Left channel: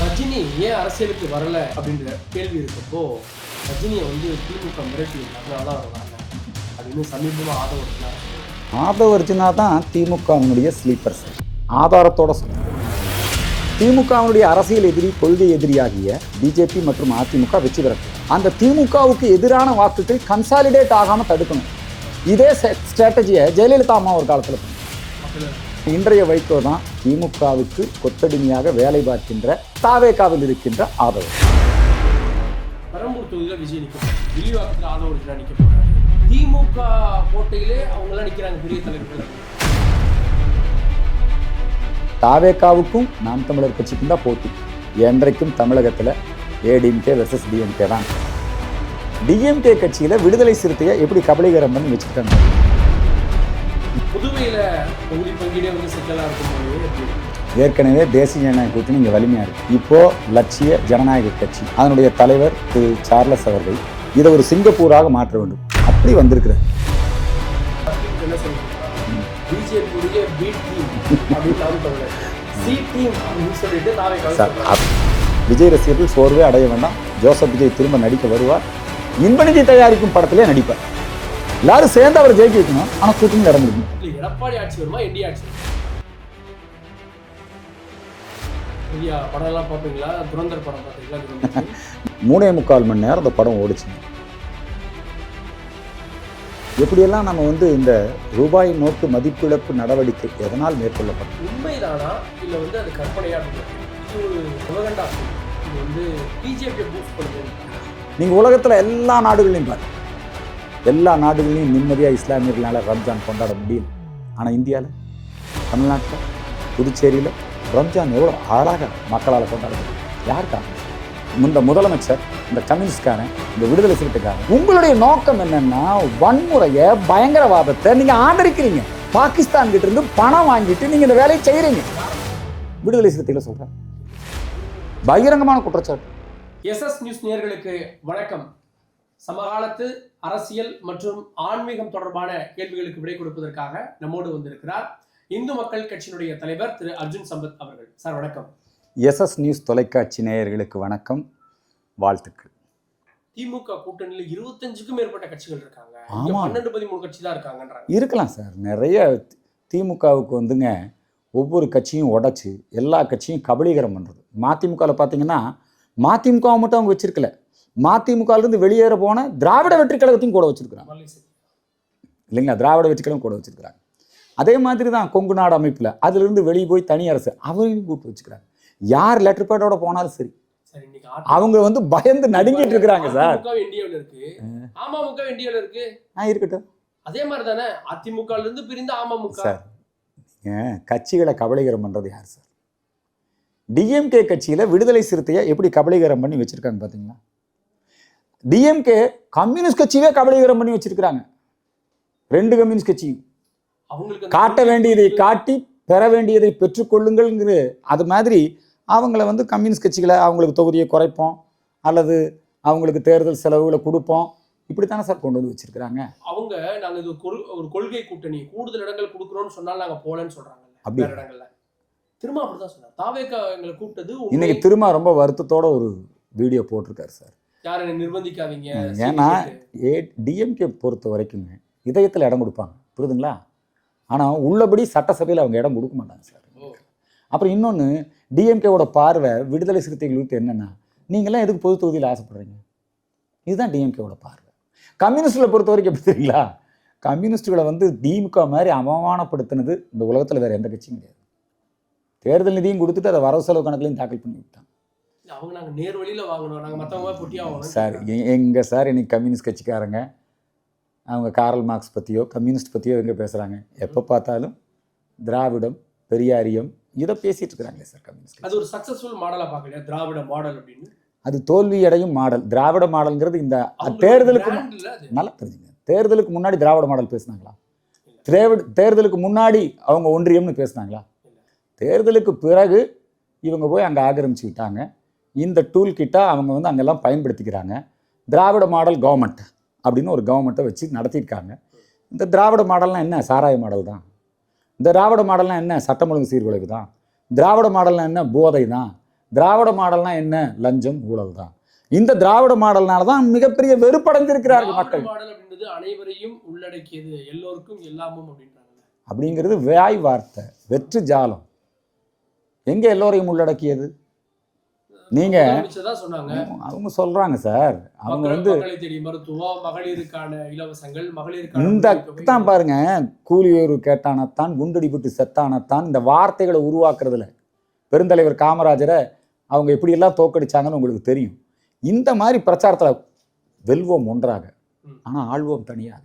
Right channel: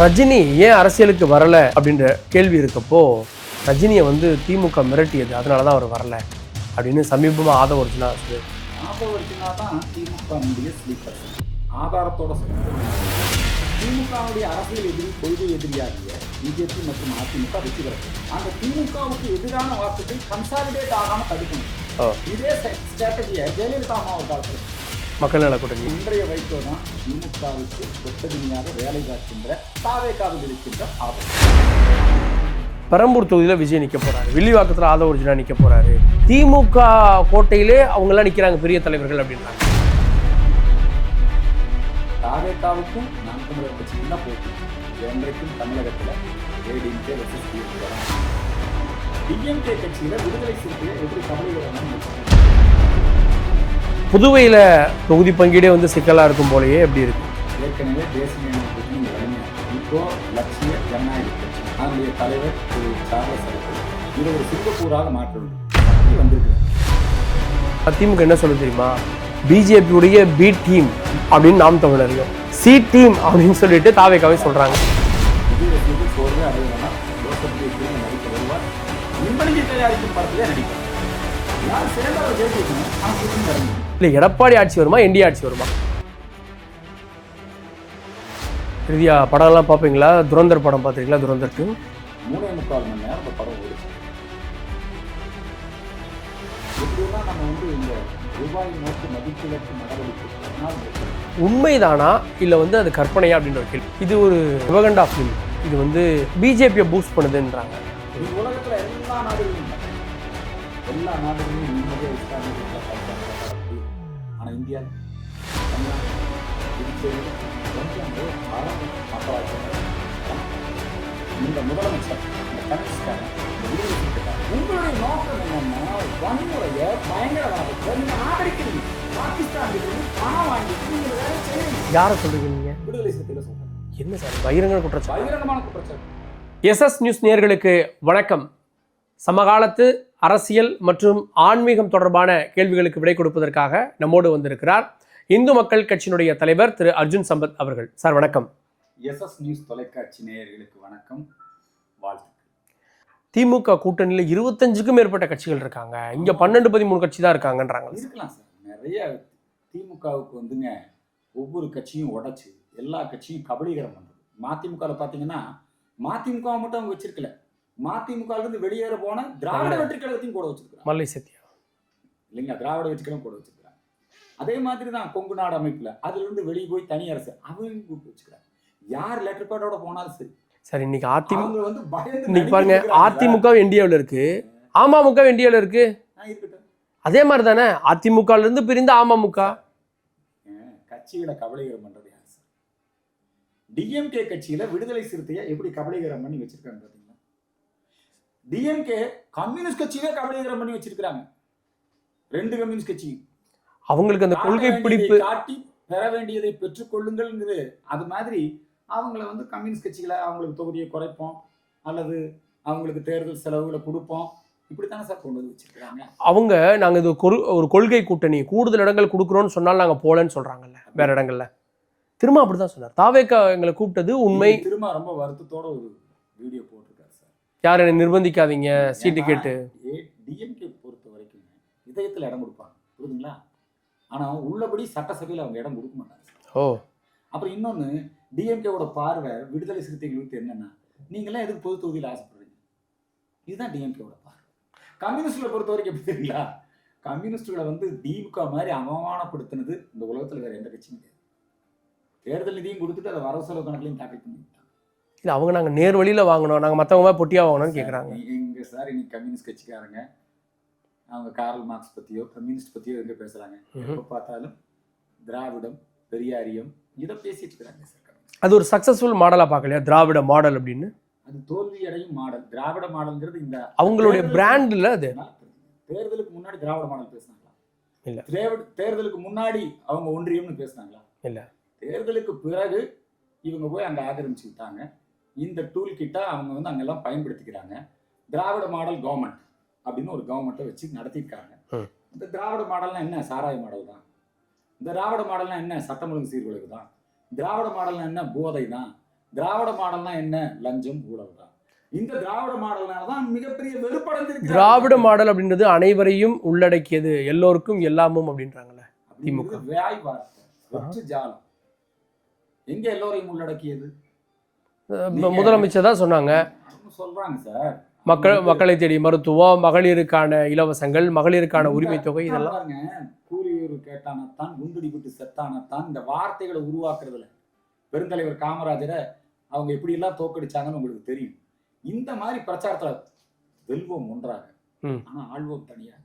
ரஜினி ஏன் அரசியலுக்கு வரல அப்படின்ற கேள்வி இருக்கப்போ ரஜினியை திமுக மிரட்டியது, அதனால தான் அவர் வரல அப்படின்னு சமீபமாக ஆதவ அர்ஜுனா ஆதவ அர்ஜுனா தான் திமுகவினுடைய ஸ்லீப்பர்ஸ் ஆதாரத்தோட சொல்லுங்கள். திமுகவினுடைய அரசியல் எதிரி, கொள்கை எதிரியாகிய பிஜேபி மற்றும் அதிமுக வெற்றி பெறும். அந்த திமுகவுக்கு எதிரான வாக்குகள் கன்சாலிடேட் ஆகாமல் தடுக்கணும். இதே ஸ்ட்ராட்டஜியை ஜெயலலிதா அம்மா ஒரு காலத்தில் மக்கள் நல கூட்டணி. இன்றைய வைகோ தான் திமுகவுக்கு கொத்தடிமையாக வேலை பார்க்கின்ற தாவேகாவில் இருக்கின்ற ஆதரவு. பெரம்பூர் தொகுதியில் விஜய் நிற்க போறாரு, வில்லிவாக்கத்தில் ஆதவ அர்ஜுனா நிற்க போறாரு. திமுக கோட்டையிலே அவங்கெல்லாம் நிற்கிறாங்க பெரிய தலைவர்கள் அப்படின்றாங்க. தாவேகாவுக்கும் நாம் தமிழர் கட்சிக்கும் தான் போட்டி. என்றைக்கும் தமிழகத்தில் ஏடிஎம்கே வெர்சஸ் டிஎம்கே தான். டிஎம்கே கட்சியில் விடுதலை சிறுத்தையை எப்படி கபலீகரம் பண்ணி வச்சுக்கிட்டாங்க. புதுவையில் தொகுதி பங்கீடே சிக்கலாக இருக்கும் போலயே எப்படி இருக்கு. ஏற்கனவே தேசிய ஜனநாயக கூட்டணி இங்கே வலிமையாக இருக்குது. இப்போ லட்சிய ஜனநாயக கட்சி அதனுடைய தலைவர் திரு சார்லஸ் அவர்கள் இதை ஒரு சிங்கப்பூராக மாற்ற வேண்டும் அப்படி வந்திருக்கிறார். திமுக என்ன சொல்லி தெரியுமா, பிஜேபியுடைய பி டீம் அப்படின்னு நாம் தமிழர், சி டீம் அப்படின்னு சொல்லிட்டு தாவேகாவே சொல்றாங்க. விஜய் ரசிகர்கள் சோர்வே அடைய வேண்டாம். ஜோசப் விஜய் திரும்ப நடிக்க வருவார். இன்பநிதி தயாரிக்கும் படத்திலே நடிப்பார். எல்லாரும் சேர்ந்து அவர் ஜெயிக்க வைக்கணும். ஆனால் கூட்டணி நடந்துருக்கு. இல்லை எடப்பாடி ஆட்சி வருமா, என்டிஏ ஆட்சி வருமா? இறுதியா படம்லாம் பார்ப்பீங்களா? துரந்தர் படம் பார்த்துருக்கீங்களா? துரந்தர் 3.25 மணி நேரம் அந்த படம் ஓடிச்சு. எப்படியெல்லாம் நம்ம இந்த ரூபாய் நோட்டு மதிப்பிழப்பு நடவடிக்கை எதனால் மேற்கொள்ளப்படும்? உண்மைதானா இல்லை அது கற்பனையா அப்படின்ற கேள்வி. இது ஒரு விவகண்டா ஃபிலிம். இது பிஜேபியை பூஸ்ட் பண்ணுதுன்றாங்க. நீங்கள் உலகத்தில் எல்லா நாடுகளையும் பாருங்க. எல்லா நாடுகளையும் நிம்மதியாக இஸ்லாமியர்களால் ரம்ஜான் கொண்டாட முடியும். ஆனால் இந்தியாவில், தமிழ்நாட்டில், புதுச்சேரியில் ரம்ஜான் எவ்வளோ அழகாக மக்களால் கொண்டாட முடியும். யாருக்கா? இந்த முதலமைச்சர், இந்த கம்யூனிஸ்ட்காரன், இந்த விடுதலை சிறுத்தைக்காரன். உங்களுடைய நோக்கம் என்னன்னா வன்முறையை, பயங்கரவாதத்தை நீங்கள் ஆதரிக்கிறீங்க. பாகிஸ்தான் கிட்ட இருந்து பணம் வாங்கிட்டு நீங்கள் இந்த வேலையை செய்கிறீங்க. யாரை சொல்லுவீங்க? விடுதலை சிறுத்தைகளை சொல்கிறேன். என்ன சார் பகிரங்க பகிரங்கமான குற்றச்சாட்டு. எஸ்எஸ் நியூஸ் நேயர்களுக்கு வணக்கம். சமகாலத்து அரசியல் மற்றும் ஆன்மீகம் தொடர்பான கேள்விகளுக்கு விடை கொடுப்பதற்காக நம்மோடு வந்திருக்கிறார் இந்து மக்கள் கட்சியினுடைய தலைவர் திரு அர்ஜுன் சம்பத் அவர்கள். சார் வணக்கம். எஸ்எஸ் நியூஸ் தொலைக்காட்சி நேயர்களுக்கு வணக்கம், வாழ்த்துக்கள். திமுக கூட்டணியில் 25க்கும் மேற்பட்ட கட்சிகள் இருக்காங்க. இங்க 12-13 கட்சி தான் இருக்காங்கன்றாங்க. இருக்கலாம் சார். நிறைய திமுகவுக்கு ஒவ்வொரு கட்சியும் உடைச்சு எல்லா கட்சியும் கபலீகரம் பண்ணுறது. மதிமுகவில் பார்த்தீங்கன்னா மதிமுகவை மட்டும் அவங்க வச்சிருக்கல, மதிமுகவிலிருந்து வெளியேற போன திராவிட வெற்றி கழகத்தையும் கூட வச்சிருக்கிறாங்க. மல்லை சத்யா இல்லைங்களா? திராவிட வெற்றி கழகம் கூட வச்சிருக்கிறாங்க. அதே மாதிரி தான் கொங்கு நாடு அமைப்பில் அதிலிருந்து வெளியே போய் தனி அரசு அவரையும் கூப்பிட்டு வச்சுக்கிறாங்க. யார் லெட்டர் பேடோட போனாலும் சரி. சார் இன்னைக்கு அவங்க பயந்து நடிக்கிறாங்க. அதிமுக இந்தியாவில் இருக்கு, அமமுக இந்தியாவில் இருக்கு. இருக்கட்டும். அதே மாதிரி தானே அதிமுகல இருந்து பிரிந்த அமமுக. கட்சிகளை கபலீகரம் பண்றது யார் சார்? டிஎம்கே கட்சியில விடுதலை சிறுத்தையை எப்படி கபலீகரம் பண்ணி வச்சிருக்காங்க பாத்தீங்களா? டிஎம்கே கம்யூனிஸ்ட் கட்சியே கபலீகரம் பண்ணி வச்சிருக்காங்க. 2 கம்யூனிஸ்ட் கட்சியும் அவங்களுக்கு காட்ட வேண்டியதை காட்டி பெற வேண்டியதை பெற்றுக்கொள்ளுங்கள். அது மாதிரி அவங்கள கம்யூனிஸ்ட் கட்சிகளை அவங்களுக்கு தொகுதியை குறைப்போம் அல்லது அவங்களுக்கு தேர்தல் செலவுகளை கொடுப்போம், இப்படித்தானே சார் கொண்டு வந்து வச்சிருக்கிறாங்க. அவங்க நாங்க இது ஒரு கொள்கை கூட்டணி, கூடுதல் இடங்கள் கொடுக்குறோம்னு சொன்னாலும் நாங்க போலன்னு சொல்றாங்கல்ல வேற இடங்கள்ல. திரும்ப அப்படிதான் சொன்னார். தாவேக்கா எங்களை கூப்பிட்டது உண்மை. திரும்ப ரொம்ப வருத்தத்தோட ஒரு வீடியோ போட்டிருக்காரு சார். யாரும் என்னை நிர்பந்திக்காதீங்க. டிஎம்கே பொறுத்த வரைக்கும் இதயத்தில் இடம் கொடுப்பாங்க, புரியுதுங்களா? ஆனால் உள்ளபடி சட்டசபையில் அவங்க இடம் கொடுக்க மாட்டாங்க சார். அப்புறம் இன்னொன்று, டிஎம்கேவோட பார்வை விடுதலை சிறுத்தைகளுக்கு என்னென்னா, நீங்களாம் எதுக்கு பொது தொகுதியில் ஆசைப்படுறீங்க? இதுதான் டிஎம்கேவோட பார்வை. கம்யூனிஸ்டுகளை பொறுத்த வரைக்கும் எப்படி தெரியுங்களா? கம்யூனிஸ்டுகளை திமுக மாதிரி அவமானப்படுத்தினது இந்த உலகத்தில் வேறு எந்த கட்சியும் கிடையாது. தேர்தல் நிதியும் கொடுத்துட்டு அதை வரவு செலவு கணக்குலையும் தாக்கல் பண்ணி விட்டாங்க. இல்லை அவங்க நாங்கள் நேர் வழியில் வாங்கணும், நாங்கள் மற்றவங்க பொட்டியாக வாங்கணும் சார். எங்கே சார் இன்னைக்கு கம்யூனிஸ்ட் கட்சிக்காரங்க அவங்க காரல் மார்க்ஸ் பற்றியோ கம்யூனிஸ்ட் பற்றியோ எங்கே பேசுகிறாங்க? எப்போ பார்த்தாலும் திராவிடம், பெரியாரியம் இதை பேசிட்டு இருக்கிறாங்களே சார் கம்யூனிஸ்ட். அது ஒரு சக்ஸஸ்ஃபுல் மாடலாக பார்க்கலையா திராவிட மாடல் அப்படின்னு? அது தோல்வி அடையும் மாடல். திராவிட மாடல்ங்கிறது இந்த அவங்களோட பிராண்ட் இல்லை. அது நல்லா தெரிஞ்சுங்க. தேர்தலுக்கு முன்னாடி திராவிட மாடல் பேசுனாங்களா? இல்லை. தேர்தலுக்கு முன்னாடி அவங்க ஒன்றியம்னு பேசுனாங்களா? இல்லை. தேர்தலுக்கு பிறகு இவங்க போய் அங்கே ஆக்கிரமிச்சுக்கிட்டாங்க. இந்த டூல் கிட்டா அவங்க அங்கெல்லாம் பயன்படுத்திக்கிறாங்க. திராவிட மாடல் கவர்மெண்ட் அப்படின்னு ஒரு கவர்மெண்ட்டை வச்சு நடத்தியிருக்காங்க. இந்த திராவிட மாடல்னால் என்ன? சாராய மாடல் தான். இந்த திராவிட மாடல்னால் என்ன? சட்டம் ஒழுங்கு சீர்குலைவு தான். திராவிட மாடல்னால் என்ன? போதை தான். திராவிட மாடல்னா என்ன? லஞ்சம், ஊழல் தான். இந்த திராவிட மாடல்னால தான் மிகப்பெரிய வெறுப்படைஞ்சிருக்கிறார். திராவிட மாடல் அப்படின்றது அனைவரையும் உள்ளடக்கியது, எல்லோருக்கும் எல்லாமும் அப்படின்றாங்கல்ல. அப்படிங்கிறது வாய் வார்த்தை, வெற்று ஜாலம். எங்க எல்லோரையும் உள்ளடக்கியது? நீங்க முதலமைச்சர் தான் சொன்னாங்க. அவங்க சொல்றாங்க சார், மக்களை தேடி மருத்துவம், மகளிருக்கான இலவசங்கள், மகளிருக்கான உரிமை தொகை தான் பாருங்க. கூலி உயர்வு கேட்டானத்தான், குண்டடிபட்டு செத்தானத்தான், இந்த வார்த்தைகளை உருவாக்குறதுல பெருந்தலைவர் காமராஜரை அவங்க எப்படியெல்லாம் தோக்கடிச்சாங்கன்னு உங்களுக்கு தெரியும். இந்த மாதிரி பிரச்சாரத்தில் வெல்வோம் ஒன்றாக, ஆனால் ஆள்வோம் தனியாக.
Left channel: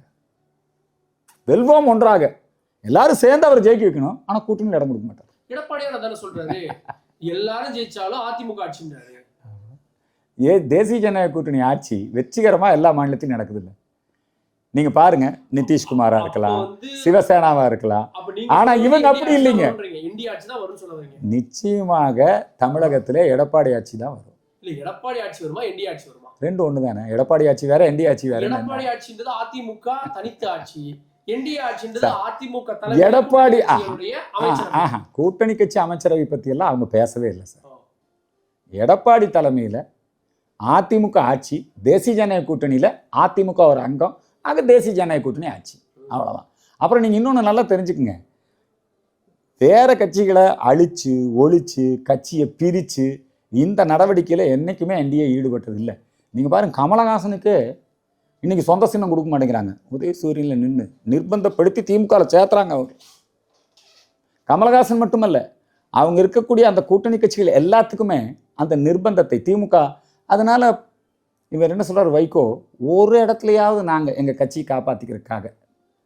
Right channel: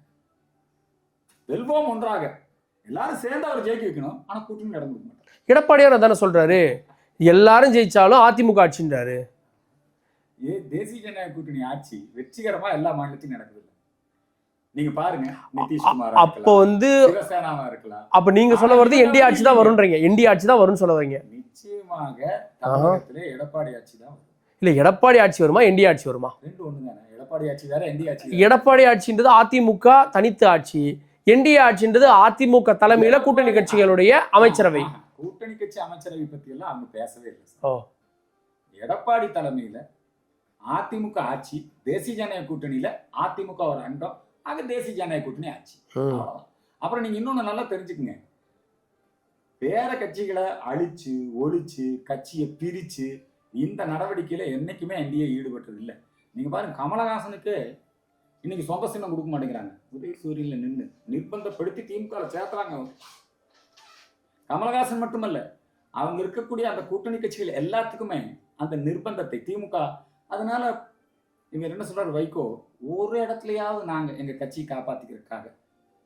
வெல்வோம் ஒன்றாக, எல்லாரும் சேர்ந்து அவர் ஜெயிக்க வைக்கணும், ஆனால் கூட்டணியில் இடம் கொடுக்க மாட்டார். எடப்பாடியார் தானே சொல்றாரு, எல்லாரும் ஜெயிச்சாலும் அதிமுக ஆட்சின்றாரு. தேசிய ஜனநாயக கூட்டணி ஆட்சி வெற்றிகரமா எல்லா மாநிலத்திலும் நடக்குது இல்ல? நீங்க பாருங்க, நிதிஷ்குமாரா இருக்கலாம், சிவசேனாவா இருக்கலாம். அப்ப நீங்க சொல்றது என்டிஏ ஆட்சி தான் வரும்ன்றீங்க. என்டிஏ ஆட்சி தான் வரும்னு சொல்ல வரீங்க. நிச்சயமாக தமிழகத்திலே எடப்பாடி ஆட்சி தான் வரும். இல்ல, எடப்பாடி ஆட்சி வருமா, என்டிஏ ஆட்சி வருமா? ரெண்டு ஒண்ணு தானே. எடப்பாடி ஆட்சி வேற, என்டிஏ ஆட்சி வேற. எடப்பாடி ஆட்சின்றது அதிமுக தனித்து ஆட்சி, என்டிஏ ஆட்சின்றது அதிமுக தலைமையில கூட்டணி கட்சிகளுடைய அமைச்சரவை. கூட்டணி கட்சி அமைச்சரவை பத்தி எல்லாம் அவங்க பேசவே இல்லை சார். எடப்பாடி தலைமையில அதிமுக ஆட்சி, தேசிய ஜனநாயக கூட்டணியில அதிமுக ஒரு அங்கம், ஆக தேசிய ஜனநாயக கூட்டணி ஆட்சி, அவ்வளவுதான். அப்புறம் நீங்க இன்னொன்னு நல்லா தெரிஞ்சுக்குங்க, வேற கட்சிகளை அழிச்சு ஒழிச்சு கட்சியை பிரிச்சு இந்த நடவடிக்கையில என்னைக்குமே என்டிஏ ஈடுபட்டது இல்லை. நீங்க பாருங்க, கமலஹாசனுக்கு இன்னைக்கு சொந்த சின்னம் கொடுக்க மாட்டேங்கிறாங்க. உதயசூரியனில் நின்று நிர்பந்தப்படுத்தி திமுகவில் சேர்த்துறாங்க. அவர் கமலஹாசன் மட்டுமல்ல, அவங்க இருக்கக்கூடிய அந்த கூட்டணி கட்சிகள் எல்லாத்துக்குமே அந்த நிர்பந்தத்தை திமுக. அதனால இவர் என்ன சொல்றாரு, வைகோ, ஒரு இடத்துலையாவது நாங்கள் எங்கள் கட்சியை காப்பாற்றிக்கிறதுக்காக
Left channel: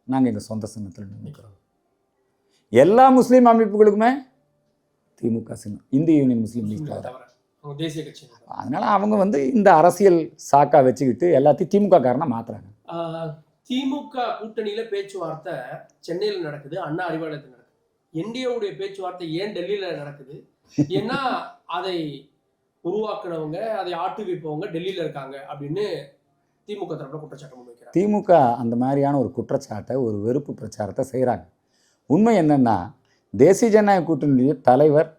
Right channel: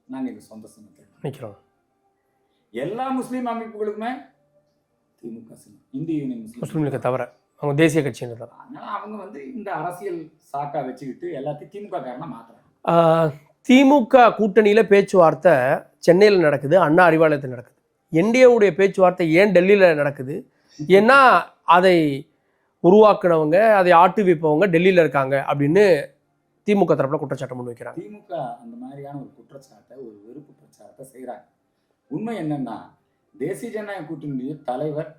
நாங்கள் எங்கள் சொந்த சின்னத்தில் நினைக்கிறோம். எல்லா முஸ்லீம் அமைப்புகளுக்குமே திமுக சின்னம், இந்திய யூனியன் முஸ்லீம் தவிர அவங்க தேசிய கட்சி. அதனால அவங்க இந்த அரசியல் சாக்கா வச்சுக்கிட்டு எல்லாத்தையும் திமுக காரனா மாத்துறாங்க. திமுக கூட்டணியில பேச்சுவார்த்தை சென்னையில் நடக்குது, அண்ணா அறிவாலயத்தில் நடக்குது. என்டிஏவுடைய பேச்சுவார்த்தை ஏன் டெல்லியில நடக்குது? ஏன்னா அதை உருவாக்குனவங்க, அதை ஆட்டுவிப்பவங்க டெல்லியில இருக்காங்க அப்படின்னு திமுக தரப்புல குற்றச்சாட்டு முன் வைக்கிறாங்க. திமுக அந்த மாதிரியான ஒரு குற்றச்சாட்டை, ஒரு வெறுப்பு பிரச்சாரத்தை செய்கிறாங்க. உண்மை என்னன்னா, தேசிய ஜனநாயக கூட்டணியுடைய தலைவர்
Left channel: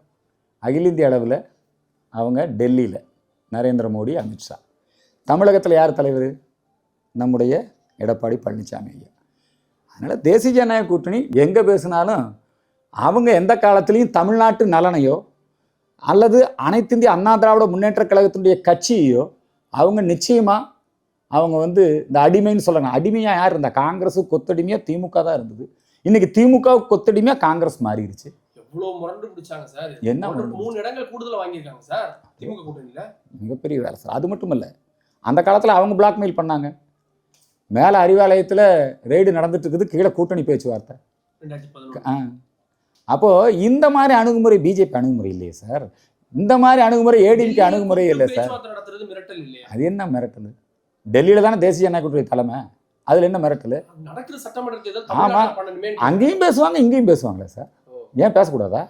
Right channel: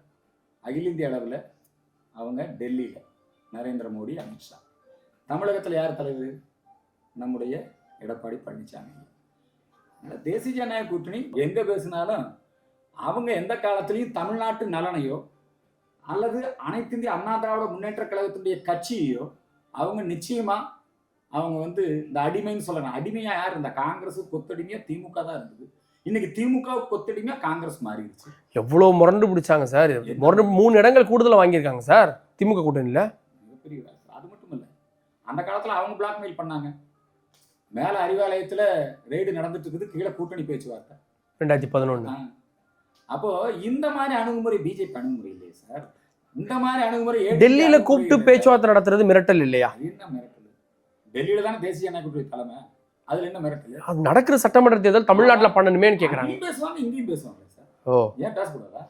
அகில இந்திய அளவில் அவங்க டெல்லியில் நரேந்திர மோடி, அமித்ஷா. தமிழகத்தில் யார் தலைவர்? நம்முடைய எடப்பாடி பழனிசாமி ஐயா. அதனால் தேசிய ஜனநாயக கூட்டணி எங்கே பேசினாலும் அவங்க எந்த காலத்துலேயும் தமிழ்நாட்டு நலனையோ அல்லது அனைத்து இந்திய அண்ணா திராவிட முன்னேற்ற கழகத்தினுடைய கட்சியையோ அவங்க நிச்சயமாக அவங்க இந்த அடிமைன்னு சொல்கிறாங்க. அடிமையாக யார் இருந்தா? காங்கிரஸு கொத்தடிமையாக திமுக தான் இருந்தது. இன்னைக்கு திமுக கொத்தடிமையா காங்கிரஸ் மாறிடுச்சு. எவ்வளவு முரண்டு பிடிச்சாங்க சார். 3 இடங்கள் கூடுதலாக வாங்கியிருக்காங்க சார் திமுக கூட்டணியில். மிகப்பெரிய வேலை சார். அது மட்டும் இல்லை, அந்த காலத்தில் அவங்க பிளாக்மெயில் பண்ணாங்க. மேலே அறிவாலயத்தில் ரெய்டு நடந்துட்டு இருக்குது, கீழே கூட்டணி பேச்சுவார்த்தை 2011. அப்போது இந்த மாதிரி அணுகுமுறை பிஜேபி அணுகுமுறை இல்லையே சார். இந்த மாதிரி அணுகுமுறை டெல்லியில் கூப்பிட்டு பேச்சுவார்த்தை நடத்துறது மிரட்டல் இல்லையா? அது என்ன மிரட்டல்? டெல்லியில் தானே தேசிய ஜனநாயக கூட்டணி தலைமை, அதுல என்ன மிரட்டல்? நடக்கிற சட்டமன்ற தேர்தல் தமிழ்நாட்டில் பண்ணணுமே. அங்கேயும் பேசுவாங்க, இங்கேயும் பேசுவாங்களே சார். ஏன் பேசக்கூடாதா?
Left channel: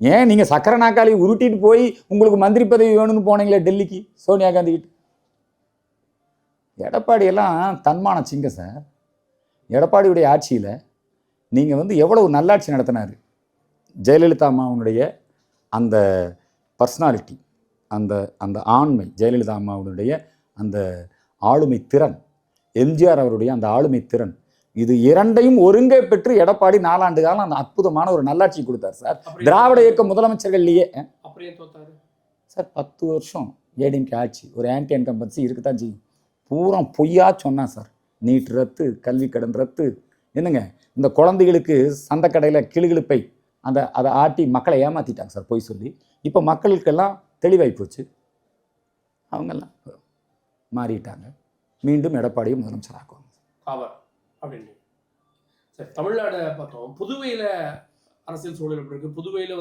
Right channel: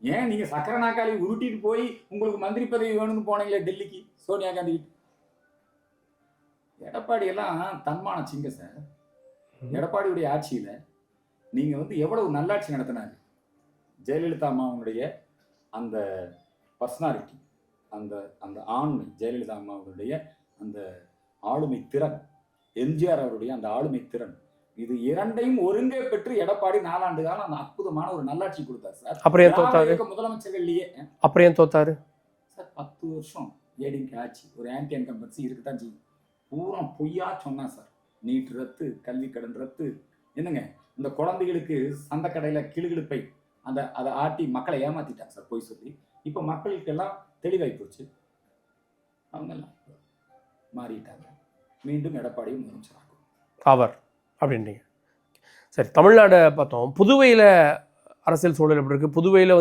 ஏன் நீங்க சக்கர நாக்காளி உருட்டிட்டு போய் உங்களுக்கு மந்திரி பதவி வேணும்னு போனீங்களே டெல்லிக்கு சோனியா காந்தி கிட்ட? எடப்பாடி எல்லாம் தன்மான சிங்க சார். எடப்பாடியுடைய ஆட்சியில நீங்க எவ்வளவு நல்லாட்சி நடத்தினாரு. ஜெயலலிதா அம்மாவுடைய அந்த பர்சனாலிட்டி, அந்த அந்த ஆண்மை, ஜெயலலிதா அம்மாவுடைய அந்த ஆளுமை திறன், எம்ஜிஆர் அவருடைய அந்த ஆளுமை திறன், இது இரண்டையும் ஒருங்கே பெற்று எடப்பாடி 4 ஆண்டு காலம் அந்த அற்புதமான ஒரு நல்லாட்சி கொடுத்தார் சார். திராவிட இயக்க முதலமைச்சர்கள்லயே. அப்புறம் ஏன் தோத்தாரு சார்? 10 வருஷம் ஏடிஎம்கே ஆட்சி, ஒரு ஆன்டி இன்கம்பன்சி இருக்குதான் செய்யும். பூரா பொய்யா சொன்னா சார். நீட் ரத்து, கல்வி கடன் ரத்து, என்னங்க இந்த குழந்தைகளுக்கு சந்தை கடையில் கிளுகிழுப்பை அதை ஆட்டி மக்களை ஏமாத்திட்டாங்க சார் பொய் சொல்லி. இப்போ மக்களுக்கெல்லாம் தெளிவாகி போச்சு, அவங்கெல்லாம் மாறிட்டாங்க. மீண்டும் எடப்பாடியும் முதலமைச்சர் ஆக்குவாங்க அவர் அப்படின்றீங்க. சரி, தமிழ்நாடு பார்த்தோம். புதுவையில் அரசியல் சூழல் எப்படி இருக்குது? புதுவையில்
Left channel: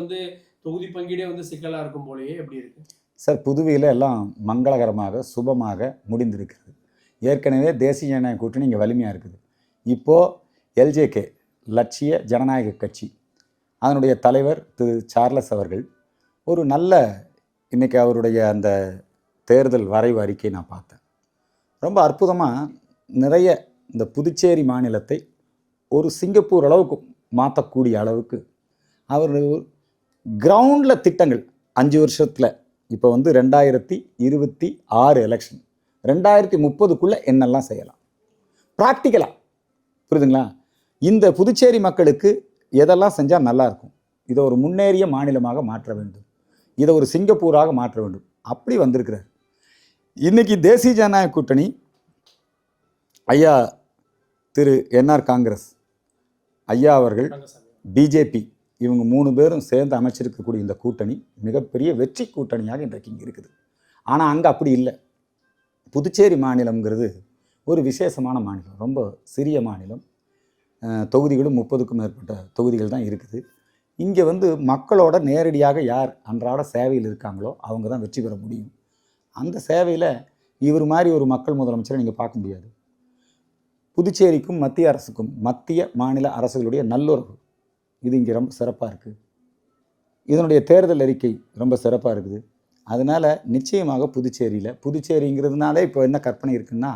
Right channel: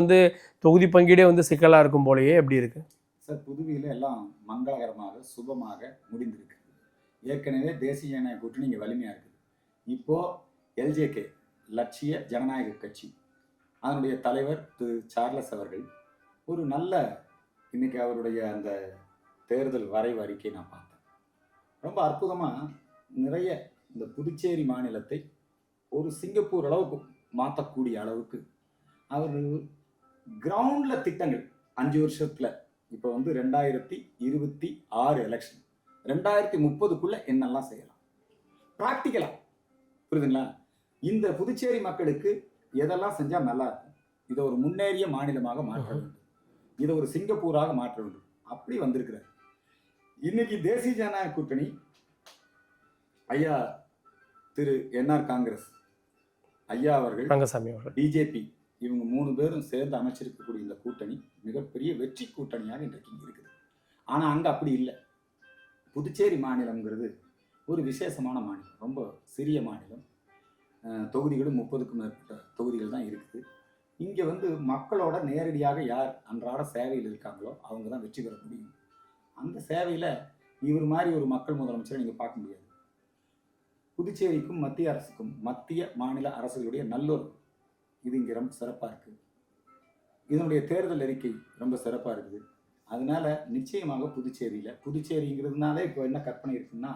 தொகுதி பங்கீடே சிக்கலாக இருக்கும் போலயே எப்படி இருக்குது சார்? புதுவையில் எல்லாம் மங்களகரமாக சுபமாக முடிந்திருக்கிறது. ஏற்கனவே தேசிய ஜனநாயக கூட்டணி இங்கே வலிமையாக இருக்குது. இப்போது எல்ஜேகே, லட்சிய ஜனநாயக கட்சி, அதனுடைய தலைவர் திரு சார்லஸ் அவர்கள் ஒரு நல்ல, இன்றைக்கி அவருடைய அந்த தேர்தல் வரைவு அறிக்கை நான் பார்த்தேன். ரொம்ப அற்புதமாக நிறைய இந்த புதுச்சேரி மாநிலத்தை ஒரு சிங்கப்பூர் அளவுக்கு மாற்றக்கூடிய அளவுக்கு அவர் கிரவுண்டில் திட்டங்கள், 5 வருஷத்தில் இப்போ வந்து 2026 எலெக்ஷன் 2030க்குள்ளே என்னெல்லாம் செய்யலாம் ப்ராக்டிக்கலாக, புரியுதுங்களா? இந்த புதுச்சேரி மக்களுக்கு எதெல்லாம் செஞ்சால் நல்லாயிருக்கும், இதை ஒரு முன்னேறிய மாநிலமாக மாற்ற வேண்டும், இதை ஒரு சிங்கப்பூராக மாற்ற வேண்டும், அப்படி வந்திருக்கிறார். இன்னைக்கு தேசிய ஜனநாயக கூட்டணி ஐயா திரு என்ஆர் காங்கிரஸ் ஐயா அவர்கள், பிஜேபி, இவங்க 3 பேரும் சேர்ந்து அமைச்சிருக்கக்கூடிய இந்த கூட்டணி மிகப்பெரிய வெற்றி கூட்டணியாக இன்றைக்கு இங்கே இருக்குது. ஆனால் அங்கே அப்படி இல்லை. புதுச்சேரி மாநிலம்ங்கிறது ஒரு விசேஷமான மாநிலம், ரொம்ப சிறிய மாநிலம். தொகுதிகளும் 30க்கும் மேற்பட்ட தொகுதிகள் தான் இருக்குது. இங்கே வந்து மக்களோட நேரடியாக யார் அன்றாட சேவையில் இருக்காங்களோ அவங்க தான் வெற்றி பெற முடியும். அந்த சேவையில் இவர் மாதிரி ஒரு மக்கள் முதலமைச்சரை நீங்கள் பார்க்க முடியாது. புதுச்சேரிக்கும் மத்திய அரசுக்கும், மத்திய மாநில அரசுகளுடைய நல்லுறவு இது இங்கே ரொம்ப சிறப்பாக இருக்குது. இதனுடைய தேர்தல் அறிக்கை ரொம்ப சிறப்பாக இருக்குது. அதனால் நிச்சயமாக புதுச்சேரிங்கிறதுனாலே இப்போ என்ன கற்பனை இருக்குன்னா,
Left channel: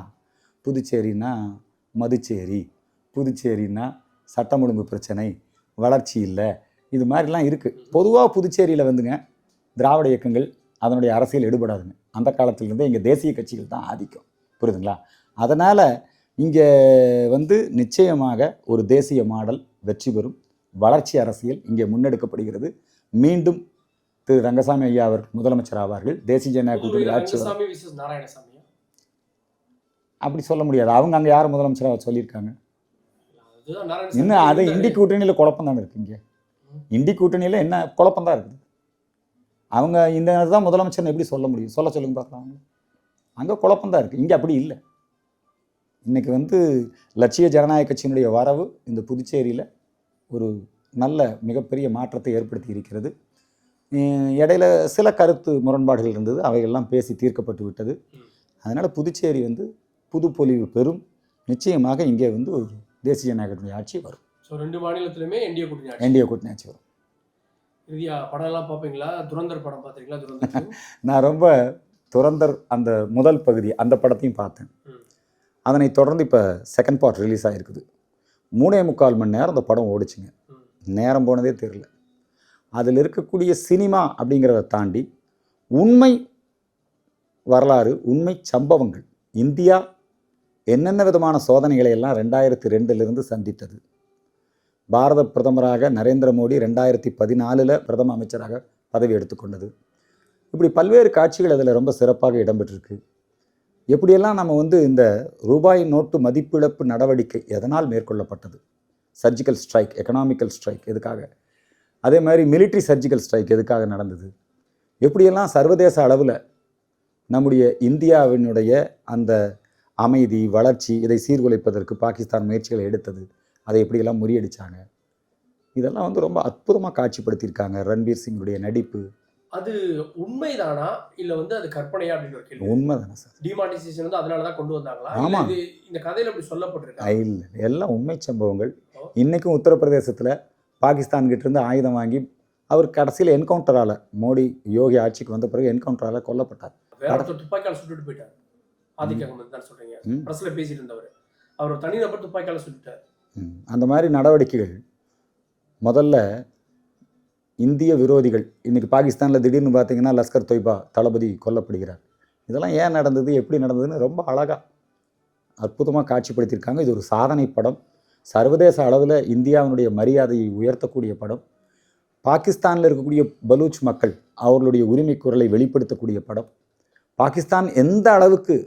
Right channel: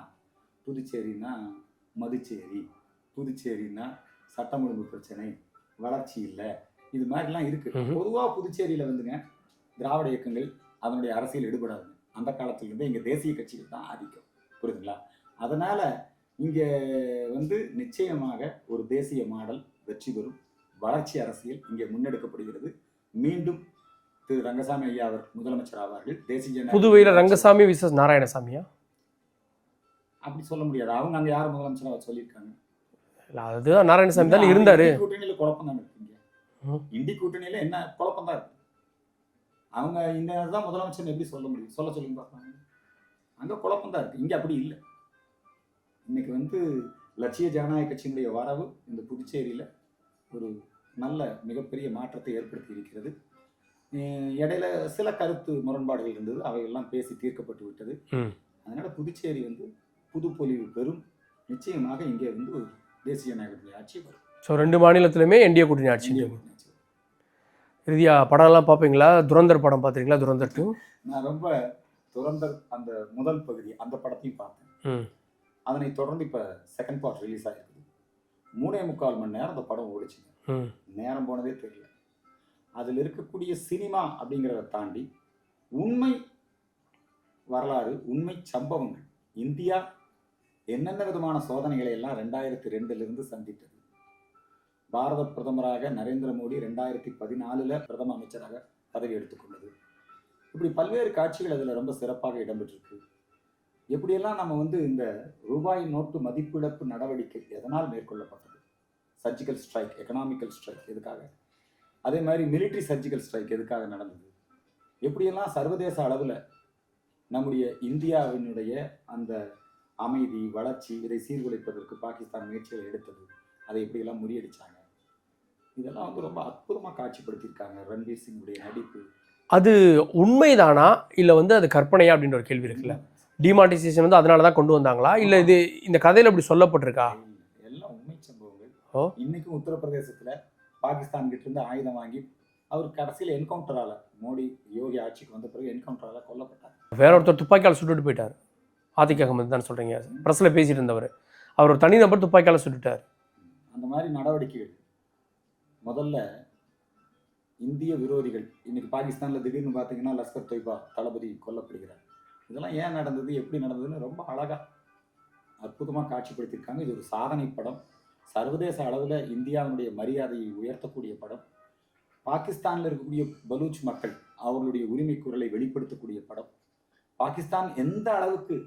புதுச்சேரின்னா மதுச்சேரி, புதுச்சேரின்னா சட்டம் ஒழுங்கு பிரச்சனை, வளர்ச்சி இல்லை, இது மாதிரிலாம் இருக்குது. பொதுவாக புதுச்சேரியில் வந்துங்க திராவிட இயக்கங்கள் அதனுடைய அரசியல் எடுபடாதுங்க. அந்த காலத்திலிருந்தே இங்கே தேசிய கட்சிகள் தான் ஆதிக்கம், புரியுதுங்களா? அதனால் இங்கே வந்து நிச்சயமாக ஒரு தேசிய மாடல் வெற்றி பெறும், வளர்ச்சி அரசியல் இங்கே முன்னெடுக்கப்படுகிறது. மீண்டும் திரு ரங்கசாமி ஐயா அவர் முதலமைச்சர் ஆவார்கள். தேசிய ஜனநாயக புதுவையில் ரங்கசாமி விசஸ் நாராயணசாமியா அப்படி சொல்ல முடியாது. அவங்க அங்கே யார் முதலமைச்சராக சொல்லியிருக்காங்க? அதுதான் நாராயணசாமி இருந்தாரு. இண்டி கூட்டணியில் குழப்பம் தானே இருக்குங்க. இண்டி கூட்டணியில் என்ன குழப்பம் தான் இருக்குது. அவங்க இந்த தான் முதலமைச்சர்னு எப்படி சொல்ல முடியும்? சொல்லுங்க பார்க்கலாம். அங்கே குழப்பம் தான் இருக்குது, இங்கே அப்படி இல்லை. இன்னைக்கு வந்து லட்சிய ஜனநாயக கட்சியினுடைய வரவு இந்த புதுச்சேரியில் ஒரு நல்ல மிகப்பெரிய மாற்றத்தை ஏற்படுத்தி இருக்கிறது. இடையில சில கருத்து முரண்பாடுகள் இருந்தது, அவைகள்லாம் பேசி தீர்க்கப்பட்டு விட்டது. அதனால் புதுச்சேரி வந்து புது பொலிவு பெறும். நிச்சயமாக இங்கே வந்து ஒரு தேசிய ஜனநாயகத்தினுடைய ஆட்சி வரும். ஸோ 2 மாநிலத்திலுமே என்டிஏ கூட்டணி ஆட்சி வரும். இறுதியாக படம்லாம் பார்ப்பீங்களா? துரந்தர் படம் பார்த்துருக்கீங்களா? துரந்தர் நான் ரொம்ப துரந்தர் அந்த முதல் பகுதி அந்த படத்தையும் பார்த்தேன். அதனை தொடர்ந்து இப்போ செகண்ட் பார்ட் ரிலீஸ் ஆகிருக்குது. 3.25 மணி நேரம் அந்த படம் ஓடிச்சுங்க. நேரம் போனதே தெரியல. அதில் இருக்கக்கூடிய சினிமா அப்படிங்கிறத தாண்டி உண்மை வரலாறு, உண்மை சம்பவங்கள், இந்தியா என்னென்ன விதமான சோதனைகளை எல்லாம் 2002 சந்தித்தது. பாரத பிரதமராக நரேந்திர மோடி 2014 பிரதம அமைச்சராக பதவி எடுத்துக்கொண்டது. இப்படி பல்வேறு காட்சிகள் அதில் ரொம்ப சிறப்பாக இடம்பெற்றிருக்கு. எப்படியெல்லாம் நம்ம வந்து இந்த ரூபாய் நோட்டு மதிப்பிழப்பு நடவடிக்கை எதனால் மேற்கொள்ளப்பட்டது, சர்ஜிக்கல் ஸ்ட்ரைக், எக்கனாமிக்கல் ஸ்ட்ரைக் எதுக்காக, அதே மாதிரி மிலிட்ரி சர்ஜிக்கல் ஸ்ட்ரைக் எதுக்காக நடந்தது, எப்படியெல்லாம் சர்வதேச அளவில் நம்முடைய இந்தியாவினுடைய அந்த அமைதி வளர்ச்சி இதை சீர்குலைப்பதற்கு பாகிஸ்தான் முயற்சிகளை எடுத்தது, அதை எப்படியெல்லாம் முறியடித்தாங்க, இதெல்லாம் வந்து ரொம்ப அற்புதமாக காட்சிப்படுத்தியிருக்காங்க. ரன்பீர் சிங்குடைய நடிப்பு. அது உண்மைதானா இல்லை வந்து அது கற்பனையா அப்படின்ற ஒரு கேள்வி. உண்மைதானே சார். டிமானிட்டைசேஷன் வந்து அதனால தான் கொண்டு வந்தாங்களா, இல்லை இது இந்த கதையில் அப்படி சொல்லப்பட்டிருக்கா? இல்லை, எல்லாம் உண்மை சம்பவங்கள். இன்றைக்கும் உத்தரப்பிரதேசத்தில் பாகிஸ்தான் கிட்டேருந்து ஆயுதம் வாங்கி அவர் கடைசியில் என்கவுண்டரால், மோடி யோகி ஆட்சிக்கு வந்த பிறகு என்கவுண்டரால் கொல்லப்பட்டார். வேற ஒருத்தர் துப்பாக்கியால் சுட்டுட்டு போயிட்டார். ஆதிக் அகமது தான் சொல்கிறீங்க, ப்ரெஸ்ஸில் பேசிட்டு இருந்தவர். அவர் ஒரு தனிநபர் துப்பாக்கியால் சுட்டுட்டார். அந்த மாதிரி நடவடிக்கைகள் முதல்ல இந்திய விரோதிகள். இன்றைக்கி பாகிஸ்தானில் திடீர்னு பார்த்தீங்கன்னா லஷ்கர் தொய்பா தளபதி கொல்லப்படுகிறார். இதெல்லாம் ஏன் நடந்தது, எப்படி நடந்ததுன்னு ரொம்ப அழகாக அற்புதமாக காட்சிப்படுத்தியிருக்காங்க. இது ஒரு சாதனை படம். சர்வதேச அளவில் இந்தியாவினுடைய மரியாதையை உயர்த்தக்கூடிய படம். பாகிஸ்தானில் இருக்கக்கூடிய பலூச் மக்கள் அவர்களுடைய உரிமை குரலை வெளிப்படுத்தக்கூடிய படம். பாகிஸ்தான் எந்த அளவுக்கு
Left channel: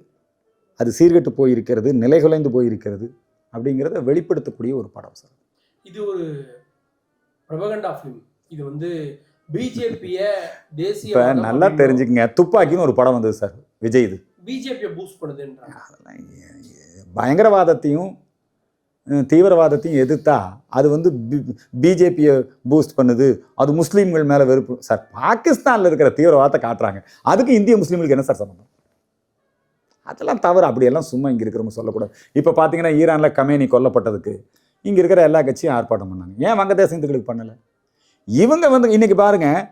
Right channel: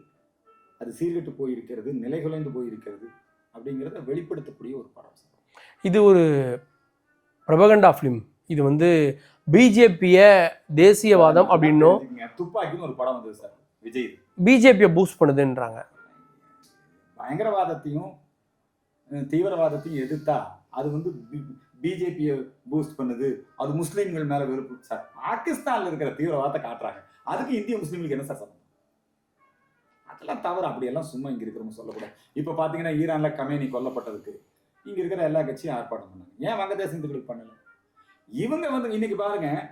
அது சீர்கெட்டு போயிருக்கிறது, நிலைகுலைந்து போயிருக்கிறது அப்படிங்கிறத வெளிப்படுத்தக்கூடிய ஒரு படம் சார். இது ஒரு ப்ரொபகண்டா ஃபிலிம். இது வந்து பிஜேபியை தேசியவாதம் அப்படின்னு தெரிஞ்சுக்கங்க. துப்பாக்கின்னு ஒரு படம் வந்தது சார், விஜய். இது பிஜேபியை பூஸ்ட் பண்ணுதுன்றாங்க. பயங்கரவாதத்தையும் தீவிரவாதத்தையும் எதிர்த்தா அது வந்து பிஜேபியை பூஸ்ட் பண்ணுது, அது முஸ்லீம்கள் மேலே வெறுப்பு. சார் பாகிஸ்தானில் இருக்கிற தீவிரவாதத்தை காட்டுறாங்க, அதுக்கு இந்திய முஸ்லீம்களுக்கு என்ன சார் சம்பந்தம்? அதெல்லாம் தவறு. அப்படியெல்லாம் சும்மா இங்கே இருக்கிறவங்க சொல்லக்கூடாது. இப்போ பார்த்தீங்கன்னா ஈரானில் கமேனி கொல்லப்பட்டதுக்கு இங்கே இருக்கிற எல்லா கட்சியும் ஆர்ப்பாட்டம் பண்ணாங்க. ஏன் வங்கதேச இந்துக்களுக்கு பண்ணலை? இவங்க வந்து இன்றைக்கி பாருங்கள்,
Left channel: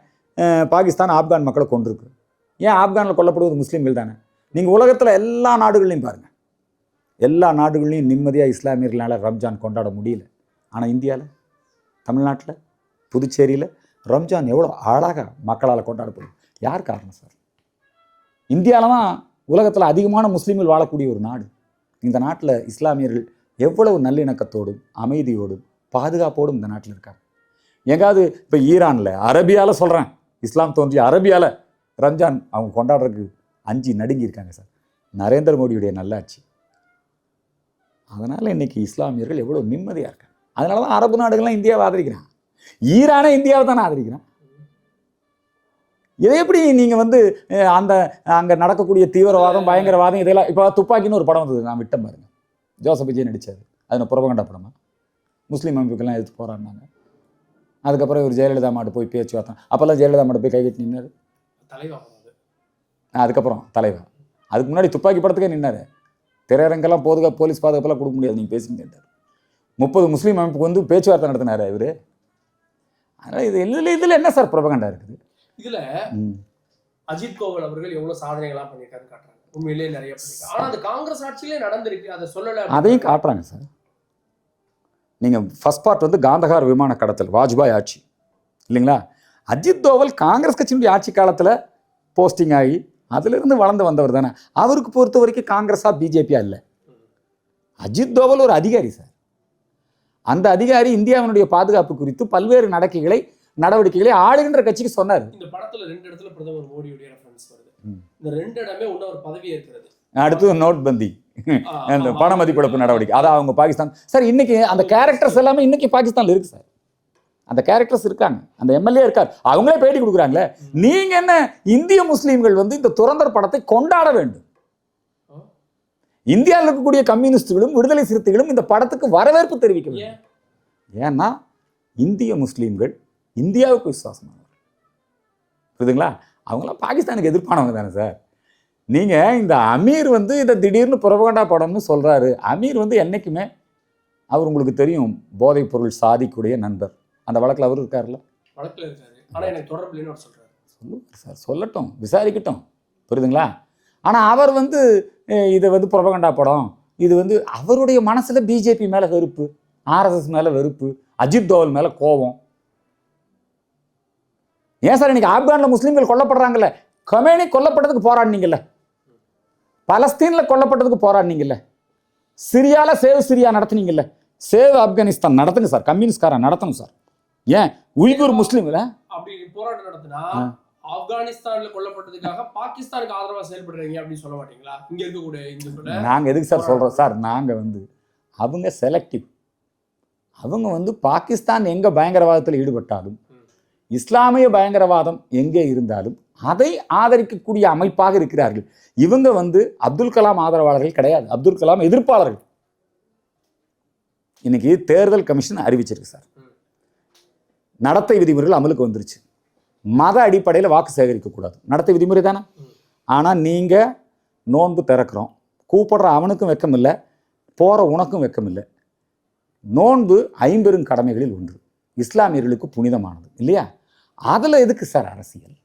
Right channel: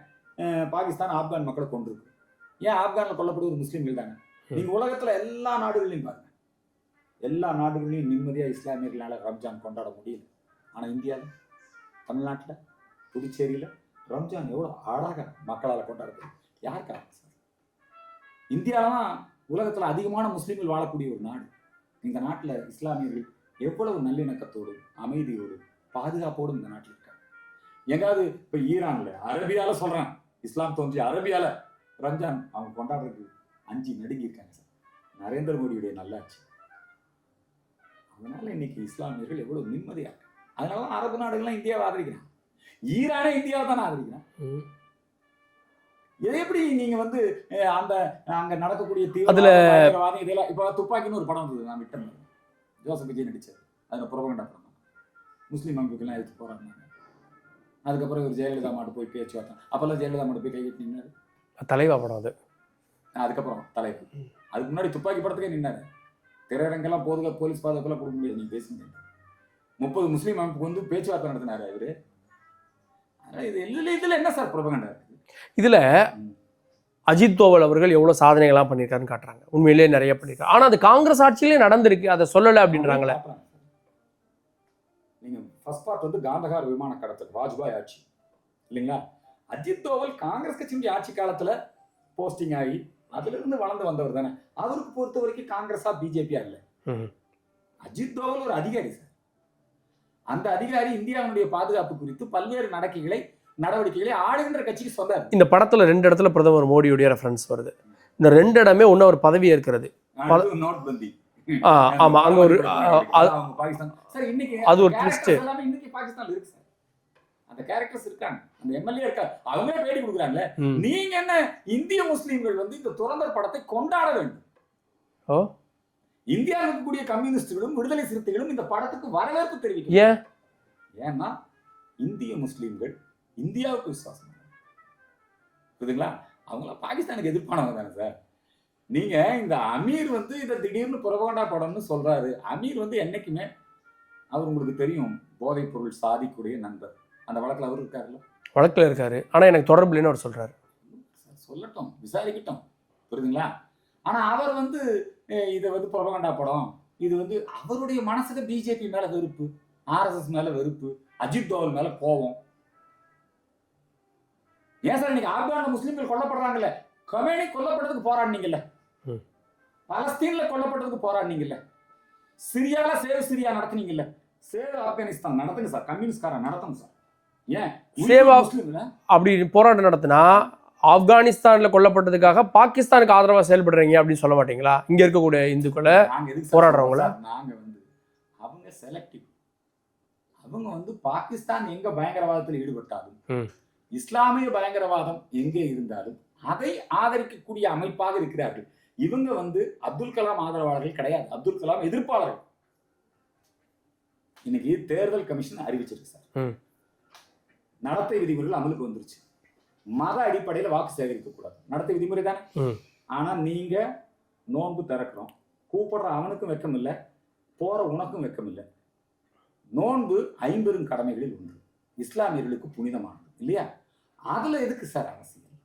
பாகிஸ்தான் ஆப்கான் மக்களை கொண்டிருக்கு. ஏன் ஆப்கானில் கொல்லப்படுவது முஸ்லீம்கள் தானே? நீங்கள் உலகத்தில் எல்லா நாடுகள்லையும் பாருங்கள், எல்லா நாடுகள்லையும் நிம்மதியாக இஸ்லாமியர்களால் ரம்ஜான் கொண்டாட முடியல. ஆனால் இந்தியாவில், தமிழ்நாட்டில், புதுச்சேரியில் ரம்ஜான் எவ்வளோ அழகாக மக்களால் கொண்டாடப்படும். யார் காரணம் சார்? இந்தியாவில் தான் உலகத்தில் அதிகமான முஸ்லீம்கள் வாழக்கூடிய ஒரு நாடு. இந்த நாட்டில் இஸ்லாமியர்கள் எவ்வளவு நல்லிணக்கத்தோடும் அமைதியோடும் பாதுகாப்போடும் இந்த நாட்டில் இருக்காங்க. எங்காவது இப்போ ஈரானில் அரபியாவில் சொல்கிறேன், இஸ்லாம் தோன்றிய அரபியாவில் ரம்ஜான் அவங்க கொண்டாடுறதுக்கு அஞ்சு நடுங்கி இருக்காங்க சார். நரேந்திர மோடியுடைய நல்லாட்சி. அதனால் இன்னைக்கு இஸ்லாமியர்கள் எவ்வளோ நிம்மதியாக இருக்காங்க. அதனால தான் அரபு நாடுகள்லாம் இந்தியாவை ஆதரிக்கிறான். ஈரானே இந்தியாவை தானே ஆதரிக்கிறான். இதை எப்படி நீங்கள் வந்து அந்த அங்கே நடக்கக்கூடிய தீவிரவாதம் பயங்கரவாதம் இதெல்லாம் இப்போ துப்பாக்கின்னு ஒரு படம் வந்தது, நான் விட்டேன் பாருங்க, ஜோசப் விஜய் நடித்தார். அது புறப்பகண்டா படமா? முஸ்லீம் அமைப்புக்கெல்லாம் எதிர்த்து போராடினாங்க. அதுக்கப்புறம் இவர் ஜெயலலிதா மாட்டு போய் பேச்சுவார்த்தை, அப்போல்லாம் ஜெயலலிதா மாட்டு போய் கைகட்டி நின்னார். தலைவா படம் அது. அதுக்கப்புறம் தலைவா. அதுக்கு முன்னாடி துப்பாக்கி படத்துக்கே நின்னார். திரையரங்கெல்லாம் போலீஸ் பாதுகாப்பெல்லாம் கொடுக்க முடியாது, நீங்கள் பேசிங்க. 30 முஸ்லீம் அமைப்புக்கு வந்து பேச்சுவார்த்தை நடத்தினார் இவர். அதனால் இதில் என்ன சார் புறப்பகண்டா இருக்குது? இதில் அஜித் தோவல் அவர்கள் எவ்வளவு சாதனைகள்லாம் பண்ணியிருக்காருன்னு காட்டுறாங்க. உண்மையிலேயே நிறைய பண்ணியிருக்காரு. ஆனால் அது காங்கிரஸ் ஆட்சியிலே நடந்திருக்கு, அதை சொல்லலை அதையும் காட்டுறாங்க சார். நீங்கள் ஃபர்ஸ்ட் பார்ட் வந்து காந்தகார் விமான கடத்தல் வாஜ்பாய் ஆட்சி இல்லைங்களா? அஜித் தோவல் காங்கிரஸ் கட்சியினுடைய ஆட்சி காலத்தில் போஸ்டிங் ஆகி அதிலிருந்து வளர்ந்து வந்தவர் தானே. அவருக்கு பொறுத்த வரைக்கும் காங்கிரஸா பிஜேபியா இல்லை. அஜித் தோவல் ஒரு அதிகாரி சார். அந்த அதிகாரி இந்தியாவினுடைய பாதுகாப்பு குறித்து பல்வேறு நடவடிக்கைகளை ஆளுகின்ற கட்சிக்கு சொன்னார். இந்த படத்துல 2 இடத்துல பிரதமர் மோடியுடைய ரெஃபரன்ஸ் வருது. இந்த 2 இடமே ஒன்னும் அவர் பதவி ஏற்கிறது. அடுத்து நோட் பந்தி, பணமதிப்பிழப்பு நடவடிக்கை, அது அவங்க பாகிஸ்தான் சார். இன்னைக்கு அந்த கேரக்டர்ஸ் எல்லாமே இன்னைக்கு பாகிஸ்தான்ல இருக்கு சார். அந்த கேரக்டர்ஸ் இருக்காங்க, அந்த எம்எல்ஏ இருக்கார், அவங்களே பேட்டி கொடுக்குறாங்களே. நீங்க என்ன இந்திய முஸ்லீம்கள் வந்து இந்த துரந்தர் படத்தை கொண்டாட வேண்டும். இந்தியாவில் இருக்கக்கூடிய கம்யூனிஸ்டுகளும் விடுதலை சிறுத்தைகளும் இந்த படத்துக்கு வரவேற்பு தெரிவிக்கணும். ஏன்னா இந்திய முஸ்லீம்கள் இந்தியாவுக்கு விசுவாசமானவர், புரியுதுங்களா? அவங்களாம் பாகிஸ்தானுக்கு எதிர்ப்பானவங்க தானே சார். நீங்க இந்த அமீர் வந்து இதை திடீர்னு புறப்பகண்டா படம்னு சொல்றாரு. அமீர் வந்து என்னைக்குமே அவர் உங்களுக்கு தெரியும் போதைப் பொருள் சாதிக்கூடிய நண்பர். அந்த வழக்கில் அவர் இருக்காருல்ல, வழக்கில் இருக்காரு. ஆனால் எனக்கு தொடர்பு இல்லைன்னு அவர் சொல்றாரு. சார் சொல்லட்டும், விசாரிக்கட்டும், புரியுதுங்களா? ஆனால் அவர் வந்து இதை வந்து புறப்பகண்டா படம், இது வந்து அவருடைய மனசில் பிஜேபி மேலே வெறுப்பு, ஆர்எஸ்எஸ் மேலே வெறுப்பு, அஜித் தோவல் மேலே கோபம். ஏன் சார் இன்னைக்கு ஆப்கானில் முஸ்லீம்கள் கொல்லப்படுறாங்கல்ல, கொமேனி கொல்லப்பட்டதுக்கு போராடினீங்கல்ல, பலஸ்தீனில் கொல்லப்பட்டதுக்கு போராடினீங்கல்ல, சிரியால சேவ் சிரியா நடத்துனீங்கல்ல, சேவ் ஆப்கானிஸ்தான் நடத்துங்க சார், கம்யூனிஸ்ட்காரன் நடத்தணும் சார். ஏன் உய்குர் முஸ்லீம்ல அப்படி போராட்டம் நடத்தினா ஆப்கானிஸ்தான்ல கொல்லப்பட்டதுக்காக பாகிஸ்தானுக்கு ஆதரவா செயல்படுறீங்க அப்படின்னு சொல்ல மாட்டீங்களா? இங்க இருக்கக்கூடிய இந்துக்களை நாங்க எதுக்கு சார் சொல்றோம் சார்? நாங்க வந்து அவங்க செலக்டிவ். அவங்க வந்து பாகிஸ்தான் எங்க பயங்கரவாதத்தில் ஈடுபட்டாலும், இஸ்லாமிய பயங்கரவாதம் எங்கே இருந்தாலும் அதை ஆதரிக்கக்கூடிய அமைப்பாக இருக்கிறார்கள். இவங்க வந்து அப்துல் கலாம் ஆதரவாளர்கள் கிடையாது, அப்துல் கலாம் எதிர்ப்பாளர்கள். இன்னைக்கு தேர்தல் கமிஷன் அறிவிச்சிருக்கு சார், நடத்தை விதிமுறைகள் அமலுக்கு வந்துருச்சு. மத அடிப்படையில் வாக்கு சேகரிக்க கூடாது, நடத்தை விதிமுறை தானே. ஆனா நீங்க நோன்பு திறக்கிறோம், கூப்பிடுற அவனுக்கும் வெக்கம் இல்லை, போற உனக்கும் வெக்கம் இல்லை. நோன்பு 50 கடமைகளில் ஒன்று, இஸ்லாமியர்களுக்கு புனிதமானது இல்லையா? அதுல எதுக்கு சார் அரசியல்?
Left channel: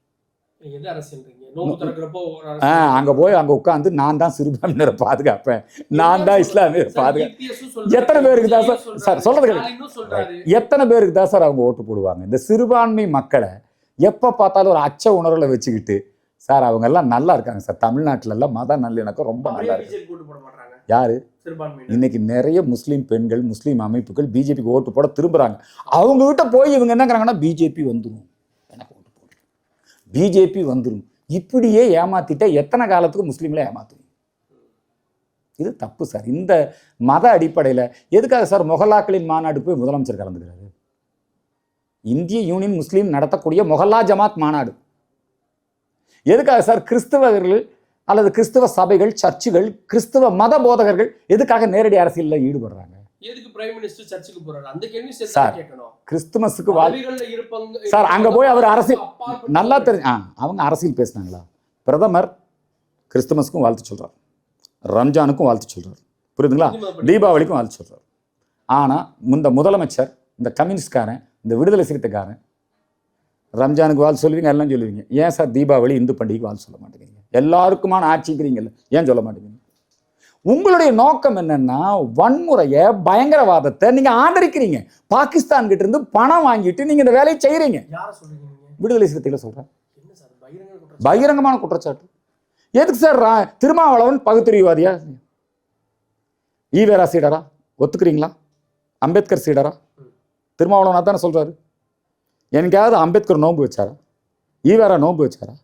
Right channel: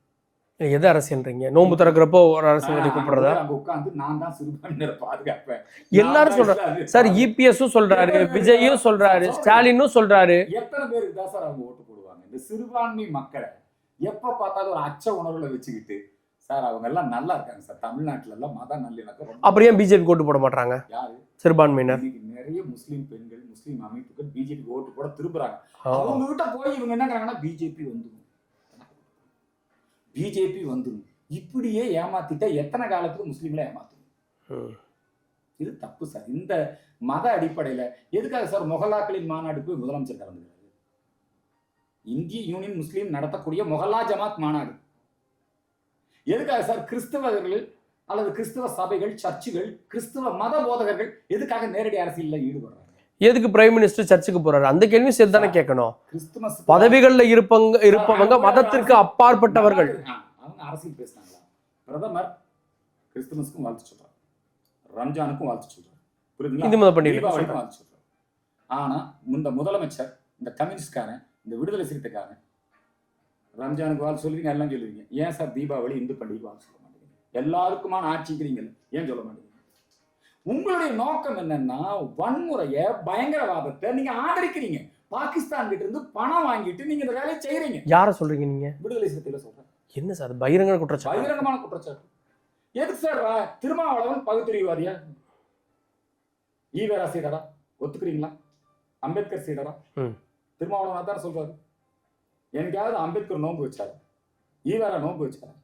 எது அரசியல்ன்றீங்க? நோன்பு திறக்கிறப்போ அங்க போய் அங்க உட்கார்ந்து நான் தான் சிறுபான்மையினரை பாதுகாப்பேன், நான் தான் இஸ்லாமியர் சார். இபிஎஸும் சொல்றாரு, விஜயும் சொல்றாரு, ஸ்டாலினும் சொல்றாரு. எத்தனை பேருக்கு தான் சார் அவங்க ஓட்டு போடுவாங்க? இந்த சிறுபான்மை மக்களை எப்ப பார்த்தாலும் ஒரு அச்ச உணர்வுல வச்சுக்கிட்டு சார் அவங்க எல்லாம் நல்லா இருக்காங்க சார். தமிழ்நாட்டுல எல்லாம் மத நல்லிணக்கம் ரொம்ப. அப்படியே பிஜேபி ஓட்டு போட மாட்டாங்க யாரு? சிறுபான்மையினர். இன்னைக்கு நிறைய முஸ்லீம் பெண்கள், முஸ்லீம் அமைப்புகள் பிஜேபிக்கு ஓட்டு போட திரும்புறாங்க. அவங்க கிட்ட போய் இவங்க என்னங்கிறாங்கன்னா பிஜேபி வந்துடும், பிஜேபி வந்துடும், இப்படியே ஏமாத்திட்டா எத்தனை காலத்துக்கு முஸ்லீம்களை ஏமாத்தும்? இது தப்பு சார். இந்த மத அடிப்படையில எதுக்காக சார் மொஹல்லாக்களின் மாநாடு போய் முதலமைச்சர் கலந்துக்கிறாரு? இந்திய யூனியன் முஸ்லீம் நடத்தக்கூடிய மொஹல்லா ஜமாத் மாநாடு எதுக்காக சார்? கிறிஸ்தவர்கள் அல்லது கிறிஸ்தவ சபைகள், சர்ச்சுகள், கிறிஸ்தவ மத போதகர்கள் எதுக்காக நேரடி அரசியலில் ஈடுபடுறாங்க? எதுக்கு பிரைம் மினிஸ்டர் சர்ச்சுக்கு போறாரு? அந்த கேள்வி சேர்த்து கேட்கணும். கிறிஸ்துமஸுக்கு பதவிகள்ல இருப்பாங்க, அப்பாற்பட்ட அவங்க அரசியல் பேசினாங்களா? பிரதமர் கிறிஸ்துமஸுக்கும் வாழ்த்து சொல்றாரு, ரம்ஜானுக்கும் வாழ்த்து சொல்றாரு, புரியுதுங்களா? தீபாவளிக்கும் வாழ்த்து சொல்றாரு. ஆனா இந்த முதலமைச்சர், இந்த கம்யூனிஸ்ட்காரன், இந்த விடுதலை சிறுத்தைக்காரன் ரம்ஜானுக்கு வாழ்த்து சொல்லுவீங்க, எல்லாம் சொல்லுவீங்க. ஏன் சார் தீபாவளி இந்து பண்டிகைக்கு வாழ்த்து சொல்ல மாட்டேங்கிறீங்க? எல்லாருக்குமான ஆட்சிக்கிறீங்கல்ல, ஏன் சொல்ல மாட்டேங்கிறீங்க? உங்களுடைய நோக்கம் என்னன்னா வன்முறையை, பயங்கரவாதத்தை நீங்க ஆதரிக்கிறீங்க. பாகிஸ்தான் கிட்ட இருந்து பணம் வாங்கிட்டு நீங்க இந்த வேலையை செய்யறீங்க. யாரை சொல்றீங்க நீங்க? விடுதலை சிறுத்தைகளை சொல்றேன். என்ன சார் பகிரங்க குற்றச்சாட்டு? பகிரங்கமான குற்றச்சாட்டு. எதுக்கு சார் திருமாவளவன் பகுத்தறிவாதியா? ஈவேரா சீடரா? ஒத்துக்கிறீங்களா? அம்பேத்கர் சீடரா? திருமாவளவனா தானே சொல்றாரு. எனக்காவது அம்பேத்கர் நோன்பு வச்சாரா? ஈவேரா நோன்பு வச்சாரா?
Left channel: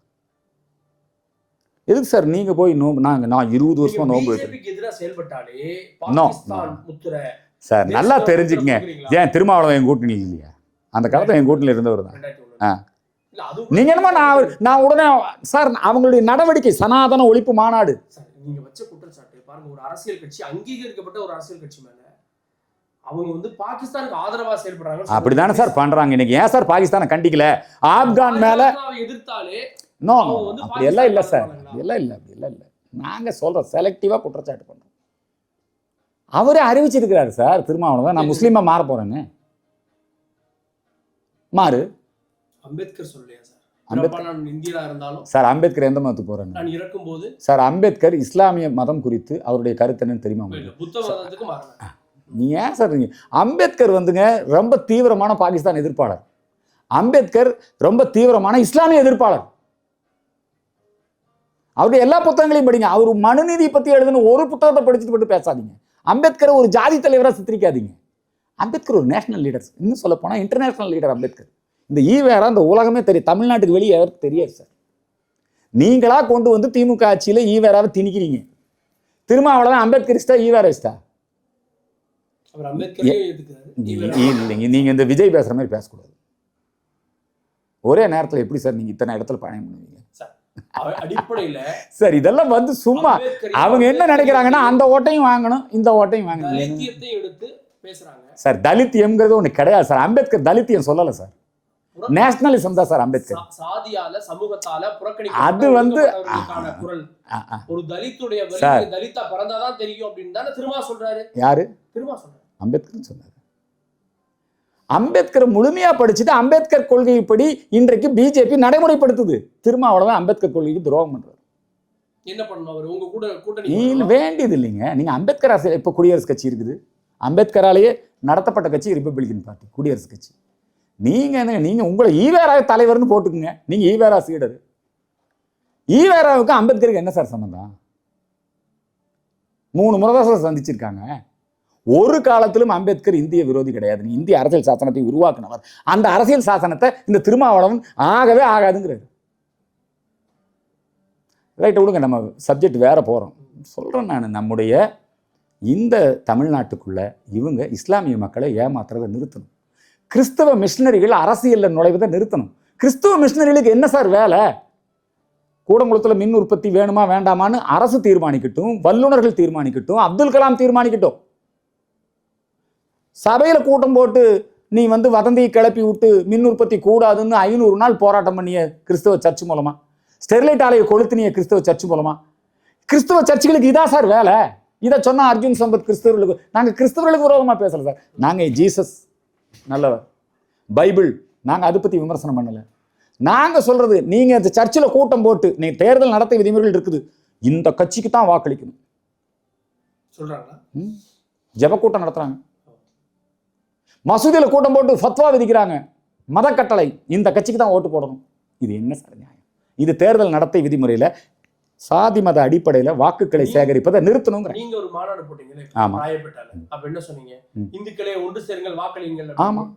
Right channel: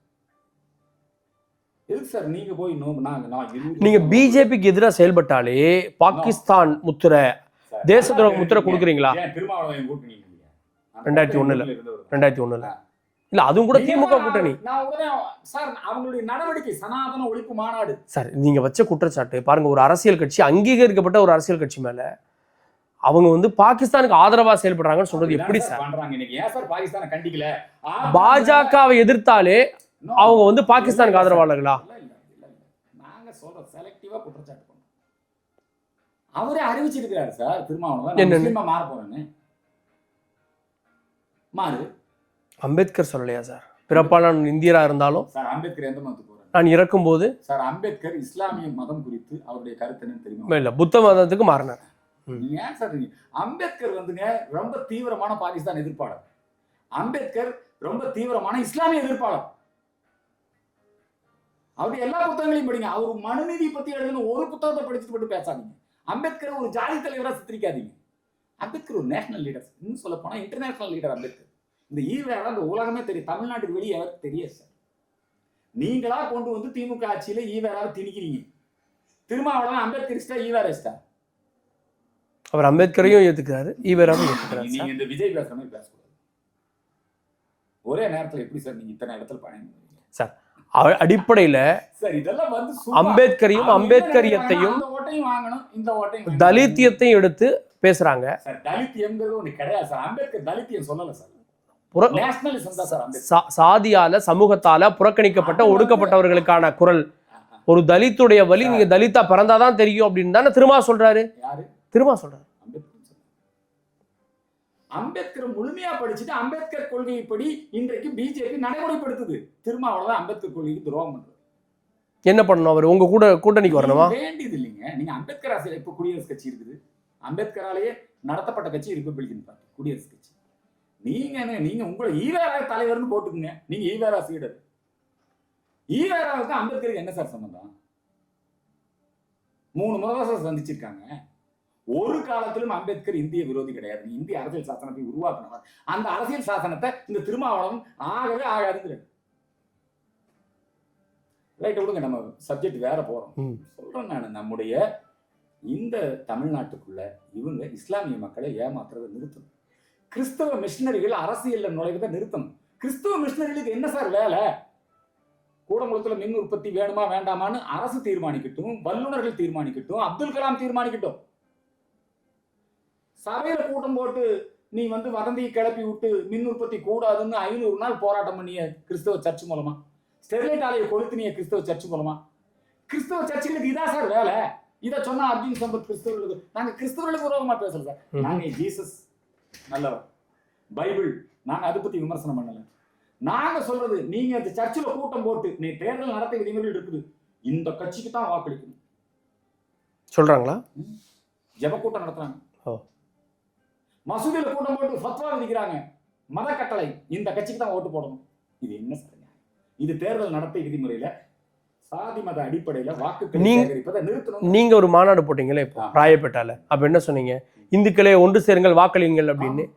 எதுக்கு சார் நீங்க போய் நோன்பு? நான் 20 நீங்க பிஜேபிக்கு எதிராக செயல்பட்டாலே பாகிஸ்தான் முத்திரை சார் நல்லா தெரிஞ்சுக்கீங்களா? ஏன் திருமாவளவன் என் கூட்டணி இல்லையா? அந்த காலத்துல என் கூட்டணியில இருந்தவர் தான். 2001 இல்ல அதுவும் கூட நான் உடனே சார் அவங்களுடைய நடவடிக்கை சனாதன ஒழிப்பு மாநாடு சார் நீங்க வச்ச குற்றச்சாட்டு பாருங்க. ஒரு அரசியல் கட்சி, அங்கீகரிக்கப்பட்ட ஒரு அரசியல் கட்சி மேல அவங்க வந்து பாகிஸ்தானுக்கு ஆதரவா செயல்படுறாங்க. அப்படிதானே சார் பண்றாங்க. இன்னைக்கு ஏன் சார் பாகிஸ்தானை கண்டிக்கல? பாஜகவை எதிர்த்தாலே அவங்க வந்து பாகிஸ்தானுக்கு ஆதரவாளர்களா? இல்ல இல்ல இல்ல இல்ல நாங்க சொல்றோம் செலக்டிவா குற்றச்சாட்டு பண்றோம். அவரே அறிவிச்சிருக்கிறாரு சார் திருமாவளவன், நான் முஸ்லீமா மாற போறேன்னு. மாறு. அம்பேத்கர் சொல்லலையா சார்? பிறப்பால் நான் இந்தியரா இருந்தாலும் சார் அம்பேத்கர் எந்த மதத்துக்கு போறேன்? நான் இறக்கும் போது சார் அம்பேத்கர் இஸ்லாமிய மதம் குறித்து அவருடைய கருத்து என்னன்னு தெரியுமா? இல்ல புத்த மதத்துக்கு மாறினார். நீ ஏன் சார் அம்பேத்கர் வந்துங்க ரொம்ப தீவிரமான பாகிஸ்தான் எதிர்ப்பாளர். அம்பேத்கர் ரொம்ப தீவிரமான இஸ்லாமிய எதிர்ப்பாளர். அவருடைய எல்லா புத்தகங்களையும் படிங்க. அவர் மனுநீதி பத்தி எழுதுன ஒரு புத்தகத்தை படிச்சுட்டு மட்டும் பேசாதீங்க. அம்பேத்கர் ஒரு ஜாதி தலைவராக சித்தரிக்காதீங்க. அம்பேத்கர் ஒரு நேஷனல் லீடர், இன்னும் சொல்ல போனா இன்டர்நேஷனல் லீடர் அம்பேத்கர். இந்த ஈவேரா இந்த உலகமே தெரியும், தமிழ்நாட்டுக்கு வெளியே அவருக்கு தெரியாது சார். நீங்களா கொண்டு வந்து திமுக ஆட்சியில ஈவேராவை திணிக்கிறீங்க. திருமாவளவன் அம்பேத்கரிஸ்டா ஈவேரிஸ்டா? அவர் அம்பேத்கரையும் ஏத்துக்கிறாரு, ஈவேரா. நீங்க இந்த விஜய் பேசுற மாதிரி பேசக்கூடாது. ஒரே நேரத்தில் எப்படி சார் நீங்க இத்தனை இடத்துல பயணம் பண்ணுவீங்க சார்? அடிப்படையில சார் இதெல்லாம் வந்து சும்மா அவங்க என்ன நினைக்கிறாங்கன்னா அந்த ஓட்டையும் வாங்கணும், இந்த ஓட்டையும் வாங்கணும், தலித்தியத்தையும் எடுத்து பேசுறாங்க சார். தலித்தியம்ங்கிறது ஒண்ணு கிடையாது சார். அம்பேத்கர் தலித்தியம் சொல்லல சார், நேஷனலிசம் தான் சார். அம்பேத்கர் சாதியால சமூகத்தால புறக்கணிக்கப்பட்ட ஒடுக்கப்பட்டவர்களுக்கான குரல். ஒரு தலித்துடைய வலி தலித்தா பிறந்தாதான் தெரியும் அப்படின்னு தானே திருமா சொல்றாரு. யாரு திருமா சொல்றாரு? அம்பேத்கர் சொன்னாரு. அம்பேத்கர் முழுமையா படிச்சுட்டு அம்பேத்கர் கொள்கைப்படி இன்றைக்கு பிஜேபி நடைமுறைப்படுத்துது. திருமாவளவன் அம்பேத்கர் கொள்கைக்கு துரோகம் பண்றாரு. என்ன பண்ணணும்? அவர் உங்க கூட்டணிக்கு வரணும் வேண்டியது இல்லைங்க. நீங்க அம்பேத்கர் அரசியல் இப்ப குடியரசு கட்சி இருக்குது, அம்பேத்கராலேயே நடத்தப்பட்ட கட்சி ரிப்பப்ளிகன் பார்ட்டி, குடியரசு கட்சி. நீங்க என்ன, நீங்க உங்களை ஈவேரா தலைவர்னு போட்டுக்குங்க. நீங்க ஈவேரா சீடர். ஈவேராவுக்கு அம்பேத்கருக்கு என்ன சார் சம்பந்தம்? 3 முறை தான் சார் சந்திச்சிருக்காங்க. ஒரு காலத்திலும் அம்பேத்கர் இந்திய விரோதி கிடையாது. இந்திய அரசியல் சாசனத்தை உருவாக்கினவர். அந்த அரசியல் சாசனத்தை இந்த திருமாவளவன் ஆகவே ஆகாதுங்கிறாரு. ரைட், விடுங்க, நம்ம சப்ஜெக்ட் வேற போறோம். சொல்றேன் நான், நம்முடைய இந்த தமிழ்நாட்டுக்குள்ள இவங்க இஸ்லாமிய மக்களை ஏமாத்துறதை நிறுத்தணும். கிறிஸ்தவ மிஷினரிகள் அரசியல்ல நுழைவதை நிறுத்தணும். கிறிஸ்தவ மிஷினரிகளுக்கு என்ன சார் வேலை? கூடங்குளத்துல மின் உற்பத்தி வேணுமா வேண்டாமான்னு அரசு தீர்மானிக்கட்டும், வல்லுநர்கள் தீர்மானிக்கட்டும், அப்துல் கலாம் தீர்மானிக்கட்டும். சபையில கூட்டம் போட்டு நீ வந்து வதந்தியை கிளப்பி விட்டு மின் உற்பத்தி கூடாதுன்னு 500 நாள் போராட்டம் பண்ணிய கிறிஸ்தவ சர்ச் மூலமா, ஸ்டெர்லைட் ஆலையை கொளுத்தினிய கிறிஸ்தவ சர்ச் மூலமா, கிறிஸ்தவ சர்ச்சுகளுக்கு இதா சார் வேலை? இதை சொன்னா அர்ஜுன் சம்பத் கிறிஸ்தவர்களுக்கு, நாங்க கிறிஸ்தவர்களுக்கு விரோதமா பேசல சார். நாங்க ஜீசஸ் நல்லவர், பைபிள், நாங்க அதை பத்தி விமர்சனம் பண்ணல. நாங்க சொல்றது, நீங்க இந்த சர்ச்சில் கூட்டம் போட்டு நீங்க தேர்தல் நடத்த விதிமுறைகள் இருக்குது, இந்த கட்சிக்கு தான் வாக்களிக்கணும் சொல்றாங்களா? ஜெப கூட்டம் நடத்துறாங்க, மசூதியில கூட்டம் போட்டு ஃபத்வா விதிக்கிறாங்க, மத கட்டளை, இந்த கட்சிக்கு தான் ஓட்டு போடணும். இது என்ன சார் நியாயம்? இது தேர்தல் நடத்தை விதிமுறையில சாதி மத அடிப்படையில வாக்குகளை சேகரிப்பதை நிறுத்தணும். நீங்க ஒரு மாநாடு போட்டீங்களே ராயப்பேட்டால, அப்ப என்ன சொன்னீங்க? இந்துக்களே ஒன்று சேருங்கள், வாக்களியுங்கள் அப்படின்னு.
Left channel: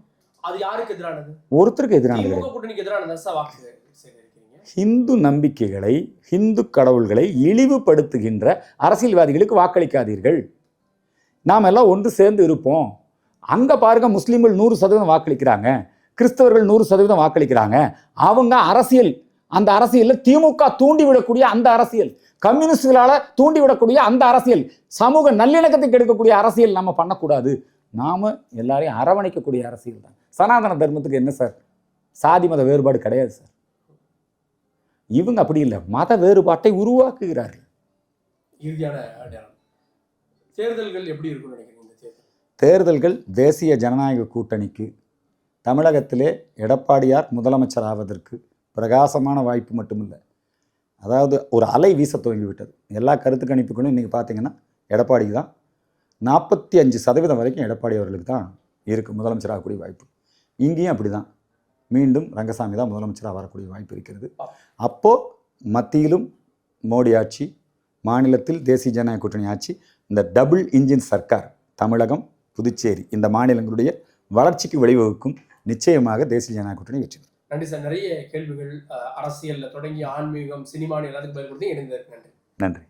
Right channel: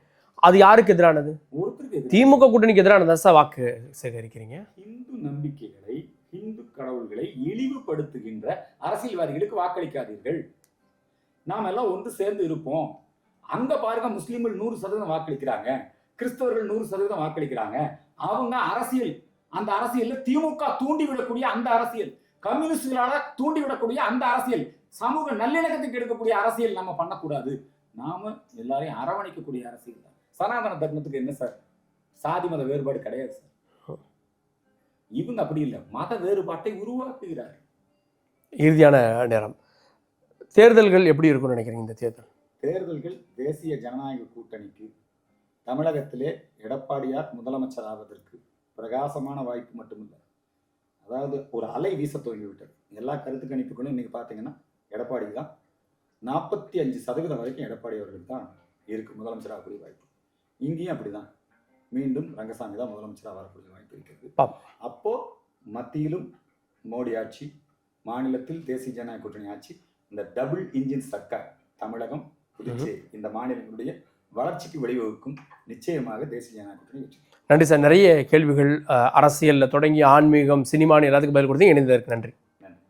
அது யாருக்கு எதிரானது? ஒருத்தருக்கு எதிரான, திமுக கூட்டணிக்கு எதிரானது சார் வாக்கு சேகரிக்கிறீங்க. ஹிந்து நம்பிக்கைகளை, ஹிந்து கடவுள்களை இழிவுபடுத்துகின்ற அரசியல்வாதிகளுக்கு வாக்களிக்காதீர்கள். நாம் எல்லாம் ஒன்று சேர்ந்து இருப்போம். அங்க பாருங்க, முஸ்லீம்கள் 100% வாக்களிக்கிறாங்க, கிறிஸ்தவர்கள் 100% வாக்களிக்கிறாங்க. அவங்க அரசியல், அந்த அரசியல்ல திமுக தூண்டிவிடக்கூடிய அந்த அரசியல், கம்யூனிஸ்டுகளால தூண்டிவிடக்கூடிய அந்த அரசியல், சமூக நல்லிணக்கத்தை கெடுக்கக்கூடிய அரசியல் நம்ம பண்ணக்கூடாது. நாம எல்லாரையும் அரவணைக்கக்கூடிய அரசியல் தான். சனாதன தர்மத்துக்கு என்ன சார்? சாதி மத வேறுபாடு கிடையாது சார். இவங்க அப்படி இல்லை, மத வேறுபாட்டை உருவாக்குகிறார்கள். இறுதியான நேரம், தேர்தல்கள் எப்படி இருக்கும்னு நினைக்கிறீங்க? இந்த தேர்தல்கள் தேசிய ஜனநாயக கூட்டணிக்கு தமிழகத்திலே எடப்பாடியார் முதலமைச்சர் ஆவதற்கு பிரகாசமான வாய்ப்பு மட்டுமில்லை, அதாவது ஒரு அலை வீச துவங்கிவிட்டது. எல்லா கருத்து கணிப்புகளும் இன்றைக்கி பார்த்தீங்கன்னா எடப்பாடிக்கு தான். 45% வரைக்கும் எடப்பாடி அவர்களுக்கு தான் இருக்குது முதலமைச்சராக கூடிய வாய்ப்பு. இங்கேயும் அப்படி தான், மீண்டும் ரங்கசாமி தான் முதலமைச்சராக வரக்கூடிய வாய்ப்பு இருக்கிறது. அப்போது மத்தியிலும் மோடி ஆட்சி, மாநிலத்தில் தேசிய ஜனநாயக கூட்டணி ஆட்சி, இந்த டபுள் இன்ஜின் சர்க்கார் தமிழகம், புதுச்சேரி இந்த மாநிலங்களுடைய வளர்ச்சிக்கு வழிவகுக்கும். நிச்சயமாக தேசிய ஜனநாயக கூட்டணி வெற்றி. நன்றி சார். நிறைய கேள்விகள் அரசியலில் தொடங்கி ஆன்மீகம், சினிமான்னு எல்லாத்துக்கும் பதில் கொடுத்தீங்க. இணைந்ததற்கு நன்றி. நன்றி.